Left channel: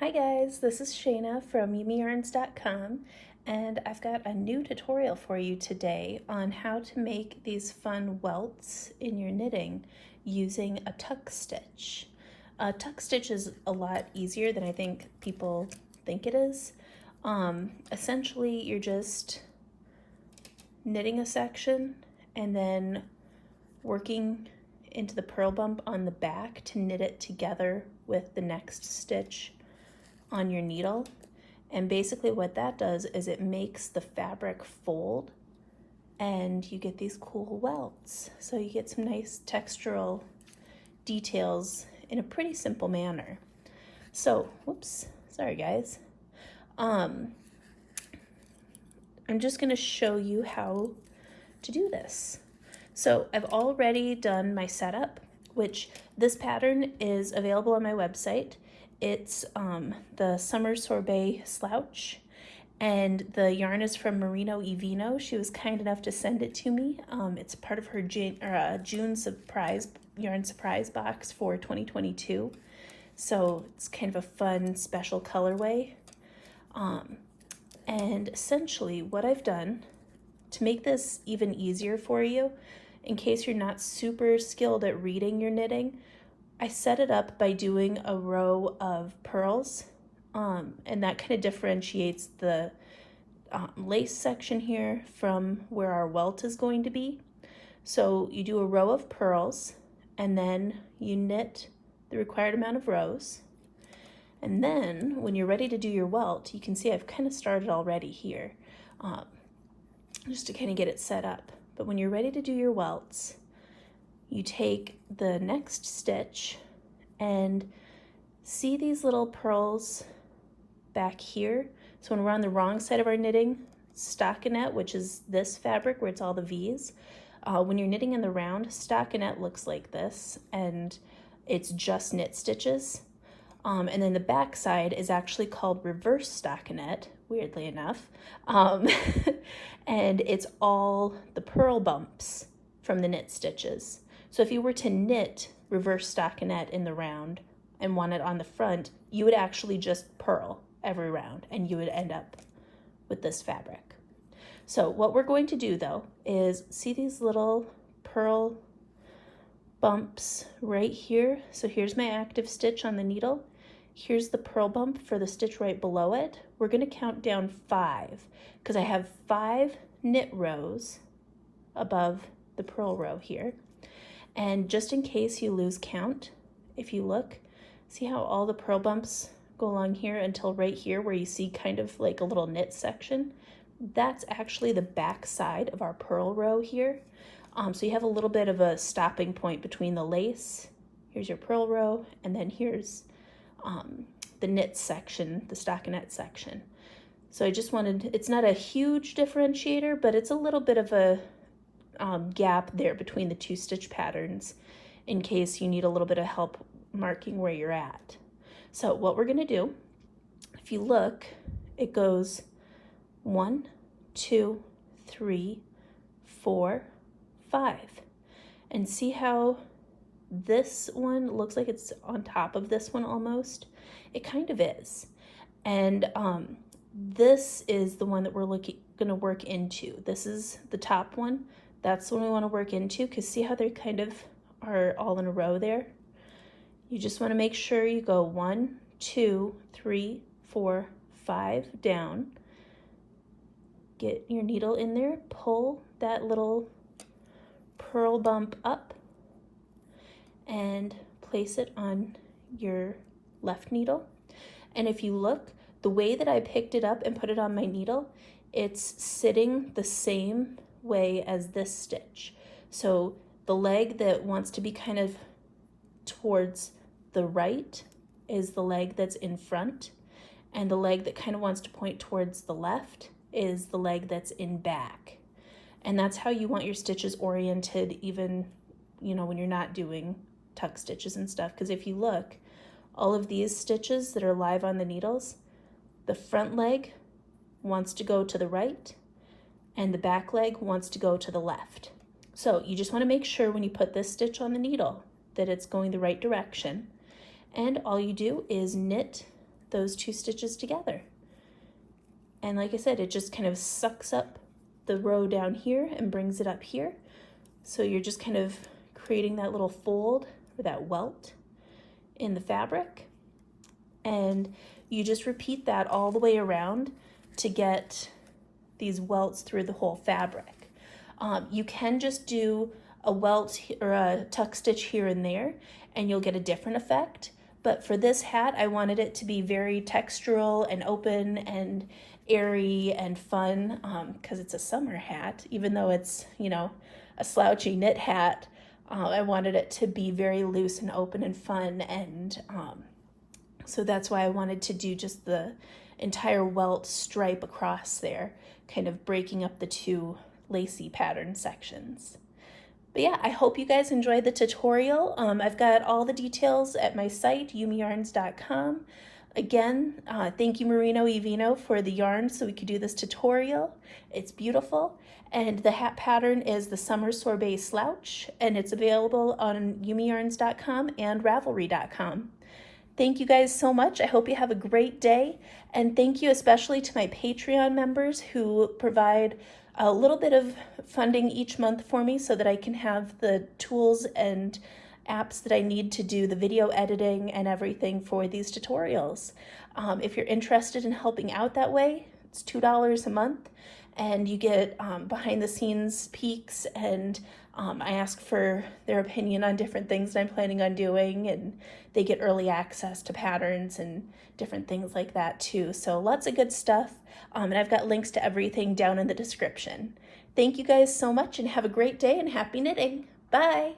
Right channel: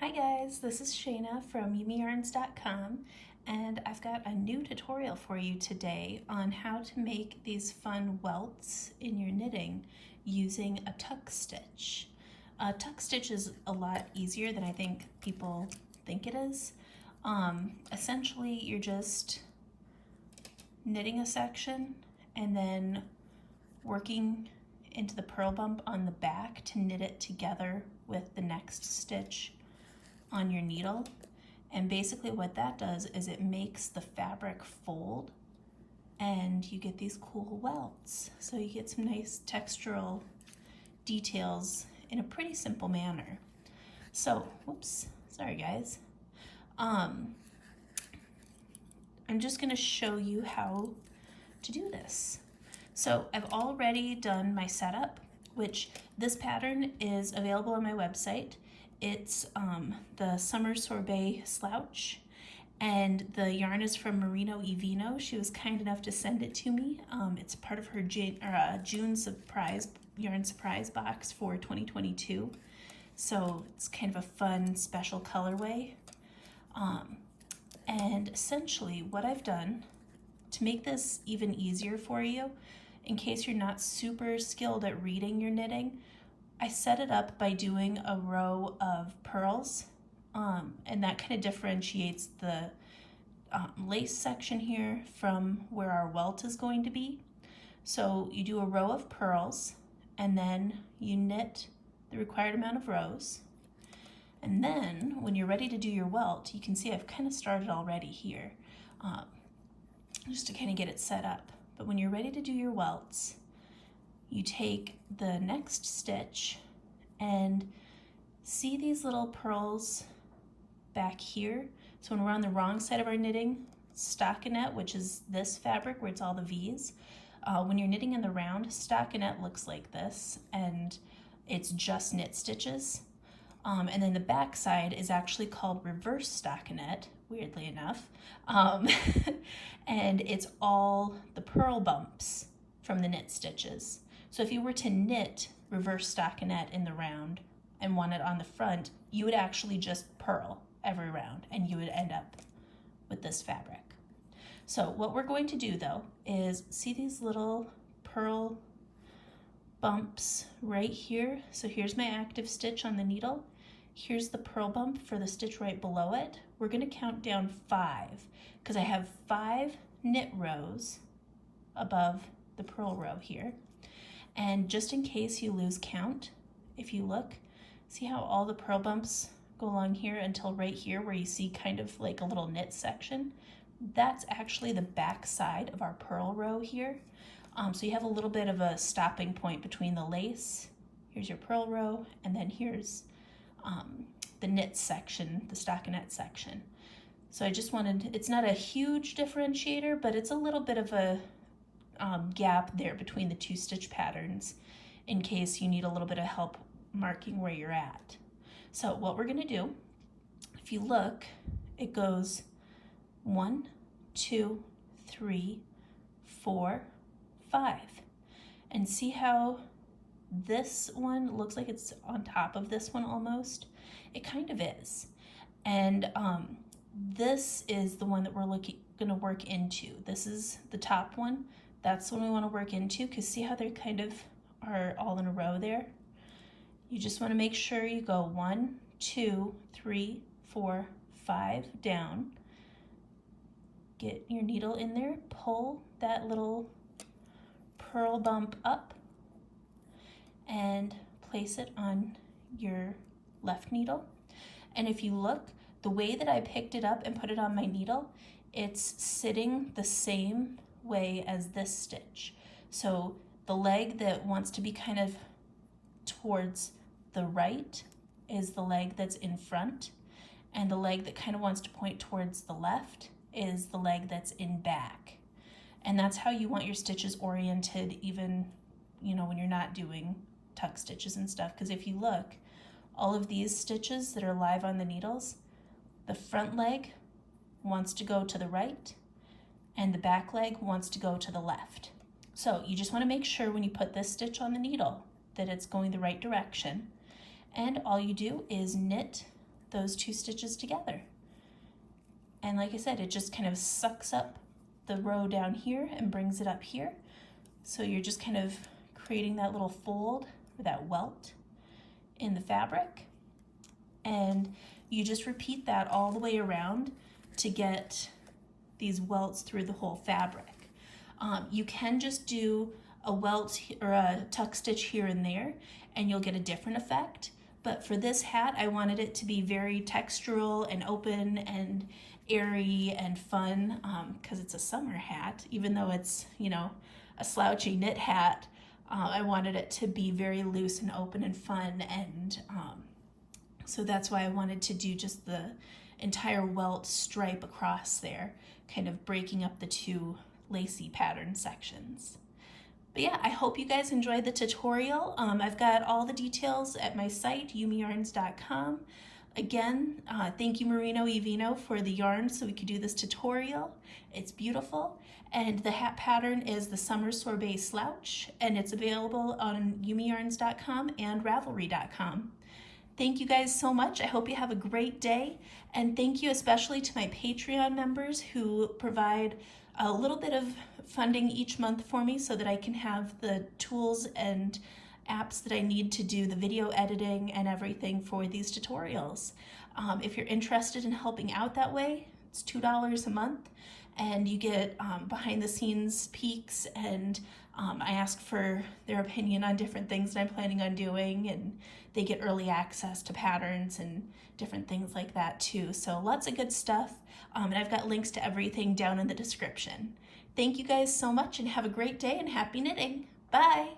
Hi guys, this is Shayna from YumiYarns.com, and I've got a new tutorial for you today on how to make these fun welts in your knitting using a tuck stitch. A tuck stitch is a lot easier than I think people think it is. Essentially, you're just knitting a section and then working into the purl bump on the back to knit it together with the next stitch on your needle. And basically what that does is it makes the fabric fold and you get these cool welts. So you get some nice textural details in a pretty simple manner. So, whoops, sorry guys. I'm just gonna show you how to do this. So I've already done my setup, which this pattern is available on my website. It's the Summer Sorbet Slouch, and the yarn is from Merino Evino. She was kind enough to send it to me. It's part of her June surprise yarn surprise box for 2022. So it's kind of a fun special colorway. And essentially what I've done to make this even easier for you, in case you're not super skilled at reading your knitting, I set it up by doing a row of pearls, and that kind of differentiates the lace section here from where our welt is going to be. So you do a row of pearls, and then you knit the required amount of rows. And then when you're ready to do your welt, you can see I've kind of started already here, just to kind of get it set up. But when you're ready to do your welts, you take the next stitch and see these little pearls back here. So when we're on the wrong side of our knitting stockinette, which is this fabric where it's all the V's, when you're knitting in the round, stockinette looks like this, and it's just knit stitches. And then the back side is actually called reverse stockinette, weirdly enough. And it's all the purl bumps from the knit stitches. So if you were to knit reverse stockinette in the round and want it on the front, you would actually just purl every round and you would end up with this fabric. So what we're going to do though is see these little purl bumps right here. So here's my active stitch on the needle. Here's the purl bump for the stitch right below it. We're going to count down 5 because I have 5 knit rows above the purl row here. And just in case you lose count, if you look, see how all the purl bumps go along here until right here where you see kind of like a little knit section? That's actually the back side of our purl row here. So you have a little bit of a stopping point between the lace. Here's your purl row, and then here's the knit section, the stockinette section. So I just wanted, it's not a huge differentiator, but it's a little bit of a gap there between the 2 stitch patterns in case you need a little bit of help marking where you're at. So what we're gonna do, if you look, it goes 1, 2, 3, 4, 5. And see how this one looks like it's on top of this one almost? It kind of is. And this is the one that we're gonna work into. This is the top one. That's the one we want to work into, because see how they kind of are all in a row there? You just want to make sure you go 1, 2, 3, 4, 5 down. Get your needle in there, pull that little purl bump up, and place it on your left needle. And if you look, the way that I picked it up and put it on my needle, it's sitting the same way as this stitch. So the leg that wants to be kind of towards the right is the leg that's in front, and the leg that kind of wants to point towards the left is the leg that's in back. And that's how you want your stitches oriented, even, you know, when you're not doing tuck stitches and stuff. Because if you look, all of these stitches that are live on the needles, the front leg wants to go to the right and the back leg wants to go to the left. So you just want to make sure when you put this stitch on the needle that it's going the right direction. And all you do is knit those two stitches together. And like I said, it just kind of sucks up the row down here and brings it up here. So you're just kind of creating that little fold or that welt in the fabric. And you just repeat that all the way around to get these welts through the whole fabric. You can just do a welt or a tuck stitch here and there and you'll get a different effect. But for this hat, I wanted it to be very textural and open and airy and fun because it's a summer hat. Even though it's, you know, a slouchy knit hat, I wanted it to be very loose and open and fun. And so that's why I wanted to do just the entire welt stripe across there, kind of breaking up the two lacy pattern sections. But yeah, I hope you guys enjoyed the tutorial. I've got all the details at my site, yumiyarns.com. Again, thank you Merino y Vino for the yarn so we could do this tutorial. It's beautiful. And the hat pattern is the Summer Sorbet Slouch, and it's available on yumiyarns.com and ravelry.com. Thank you guys so much. I hope you have a great day. And thank you especially to my Patreon members who provide a little bit of funding each month for me so that I can have the tools and apps that I need to do the video editing and everything for these tutorials. If you're interested in helping out that way, it's $2 a month and you get behind the scenes peeks, and I ask for their opinion on different things that I'm planning on doing, and they get early access to patterns and different things like that too. So lots of good stuff. And I've got links to everything down in the description. Thank you guys so much and have a great day and happy knitting. Bye.